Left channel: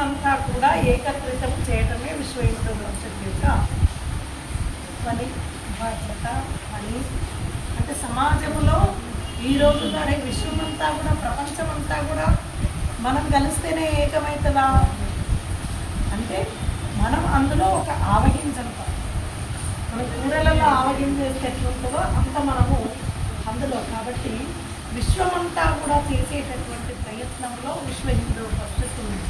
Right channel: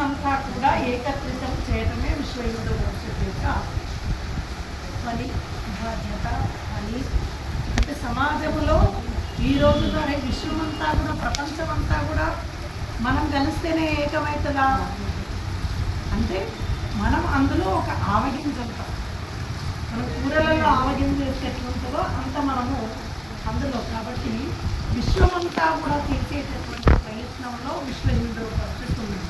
అంతా కూడా ఏకత్రితం చేయటమే విశ్వ హిందూ పరిషత్ యొక్క పని బాధ్యత పని అంటే సమాజంలో ఈ రోజు కానీ విశ్వమంతా కూడా ప్రపంచమంతా కూడా మనం కలిస్తేనే ఏకమవుతుందా అంటే మనం అందులో ఒక ఆవగించంత మన కూరలలో ఆవగింజ ఎట్లుంటుందో అంత మనము అందులో. కాబట్టి విశ్వమంతా కూడా చేసేటటువంటి ప్రయత్నంలో విశ్వ హిందూ పరిస్థితి ఉంది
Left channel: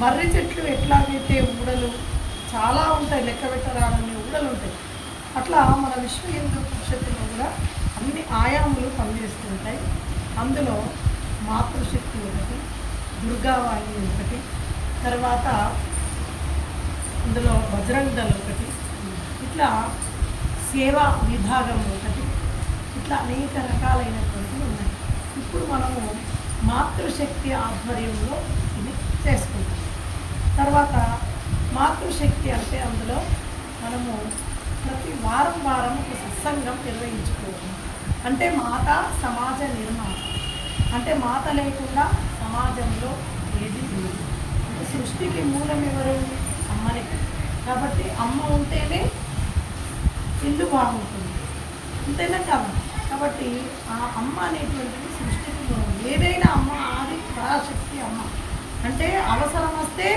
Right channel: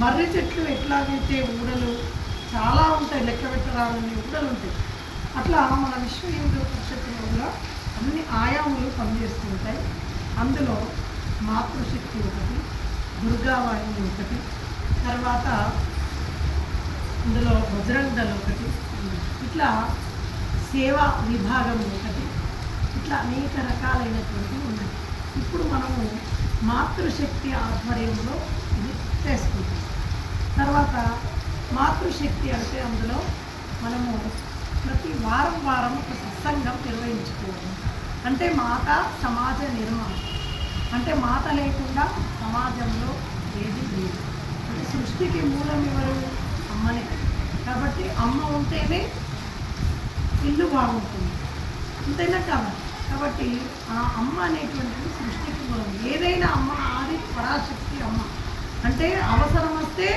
మర్రి చెట్లు ఎట్లాగైతే ఊడలు చాలా ఉంటాయి లెక్క పెట్టరాలని ఊడలు ఉంటాయి. అట్లా మన విశ్వేంద్ర హిందూ కూడా అన్ని ఆయాములు పనిచేస్తుంటాయి అందులో మాతృశక్తి ఒకటి దుర్గావాణి ఒకటి తర్వాత అందులో బజరంగ్ ఒకటి ఇట్లా సేవా విభాగం ఒకటి ఇట్లా అనేక రకాలైనటువంటివి ఉన్నాయి ఇప్పుడు మనము మాతృశక్తి ఆధ్వర్యంలో ఇది చేసుకుంటాం. తర్వాత మాతృశక్తి అంటే అందులో మనము ప్రతి వారం వారం ఒక సత్సంగం నిర్వహించుకోవాలి. అంటే మాత సమాజ నిర్మాణం. అంటే మాత లేకుండా సమాజంలో ఏది లేదు. అంటే సృష్టికి మూలం ఎవరు? అమ్మనే. కాబట్టి అమ్మ ఉంటేనే ఇల్లు బాగుంటుంది. అంతేనా కాదు. కాబట్టి ఆ అమ్మ అనేటువంటిది సృష్టికి మూలం. అమ్మ ఆది పరాశక్తి అమ్మ. అంటే అవసరం వస్తే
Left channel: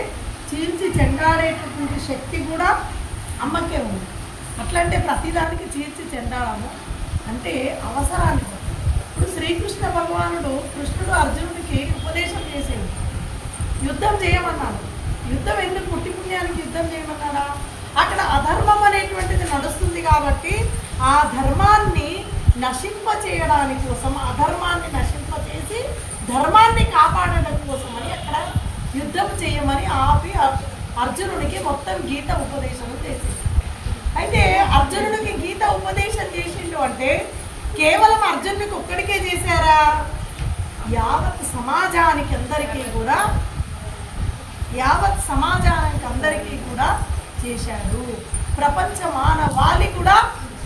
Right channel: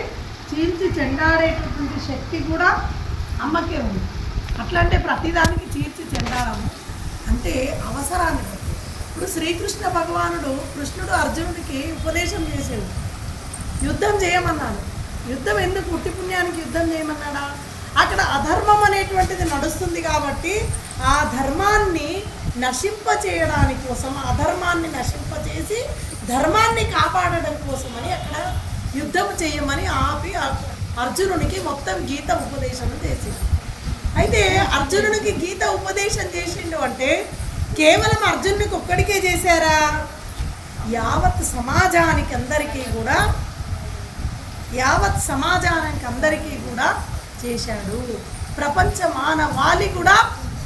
చీల్చి చెండాడేటటువంటి శక్తి కూడా అమ్మకే ఉంది. అట్లా అంటే ప్రతిదానికి చీల్చి చెండాడము అంటే అవసరానికి. ఇప్పుడు శ్రీకృష్ణ భగవానుడు కృష్ణుడు అర్జునుడికి ఉపదేశం చేసేది యుద్ధం చేయమన్నాడు. యుద్ధం ఎందుకు? పుట్టి పుణ్యానికి యుద్ధం చేయమన్నాడా? అక్కడ అధర్మం అనేటువంటిది నడుస్తుంది కాబట్టి ఆ ధర్మాన్ని నశింప చేయడానికి కోసం అధర్మాన్ని నశింప చేసి ధర్మాన్ని కాపాడడం కోసమని అక్కడ యుద్ధం చేయమని ఆపి అర్- అర్జునునికి మొత్తం గీత ఉపదేశం చేసింది. అయితే అర్జునునికి గీత ఉపదేశం చేసిండు అంటే కేవలం అర్జునుడికి ఒక్కడికే చేశారా? యావత్ సమాజానికి అందరికీ కూడా యావత్ సమాజానికి అందరికీ కూడా చేశాడు. ప్రపంచ మానవాళి కూడా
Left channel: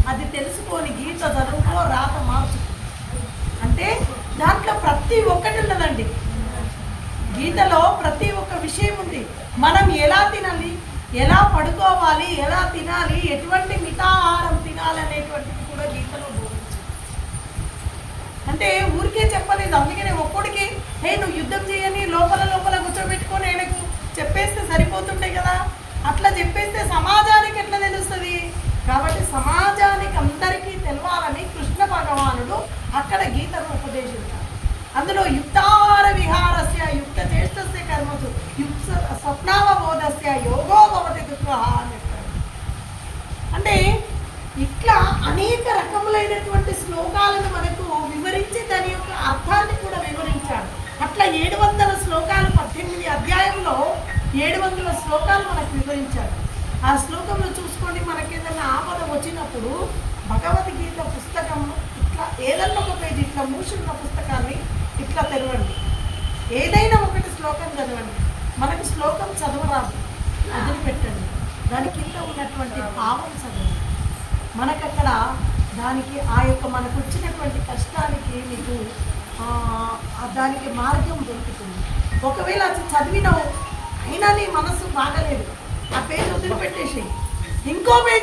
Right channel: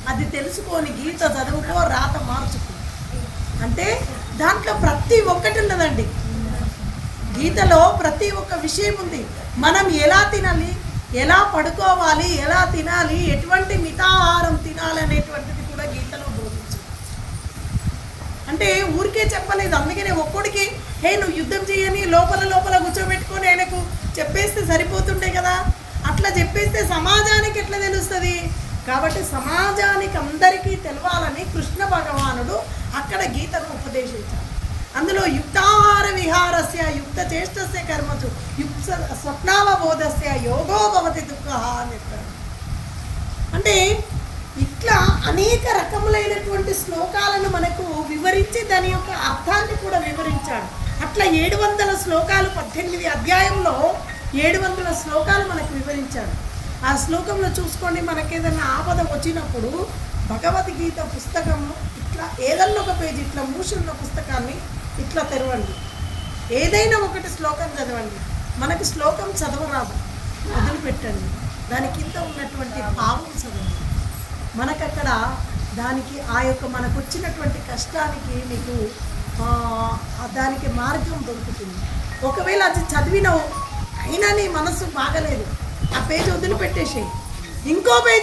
అది తెలుసుకొని గీత చదువుకో రాత మార్చుకో. అంటే దాంట్లో ప్రతి ఒక్కటి ఉన్నదండి. గీతలో ప్రతి ఒక్క విషయం ఉంది. మనం ఎలా తినాలి? ఎలా పడుకోవాలి? ఎలా తినాలి? ఎటువంటి మితాహారం తినాలి అనేటువంటిది కూడా గీతలో బోధించింది అంటే ఊరికే చెప్పలేదు. అందుకనే ఒక్కడికి హే నువ్వు యుద్ధం చేయని లోపల లోపల కూర్చోబెట్టుకొని ఆయనకు చెప్పేస్తే సరిపోతుండే కదా? అట్లా చెప్పేస్తే సమాజానికి ఎట్లా తెలుస్తుంది? కాబట్టి సమాజానికి అందరికీ తెలవాలని కృష్ణ భగవానుడు అక్కడ గీతను ఉపదేశించాడు. అందులో యుక్తాహార విహారస్య యుక్త చేష్టస్య కర్మసు యుక్త స్వప్నావబోధస్య యోగో భవతి దుఃఖ అని అంటే ఇట్లా అనేక రకములైనటువంటి శ్లోకాలను మనకు వివరించి దాని యొక్క అర్థాన్ని కూడా వివరించాడు. అట్లా ఏడు వందల శ్లోకాలు పద్దెనిమిది అధ్యాయంలో ఏడు వందల శ్లోకాలు మనకు వివరించాడు. ఆ శ్లోకంలో చూసుకోండి మనకి ఏదైనా ఆపద వచ్చినప్పుడు భగవద్గీత పుస్తకం ఇట్లా ఏదన్నా ఒక పేజీ ఇట్లా మూసిన పుస్తకాన్ని ఇట్లా తెరవండి. ఏదైనా ఒకటి శ్లోకం చదవండి. మనకి శ్లోకం చదవరాదు వదిలిపెట్టండి. దాని కింద ఉన్నటువంటి భావం చదవండి. మనకు అక్కడ దానికి ఆ యొక్క మనకు వచ్చినటువంటి కష్టానికి మీకు దానికి మార్గం దొరుకుతుంది. ఒకవేళ అది చదివినవు అయినా నీ మనసు బాగలేదు. ఆ పేజ్ వదిలిపెట్టేసేయి. ఇంకో పేజ్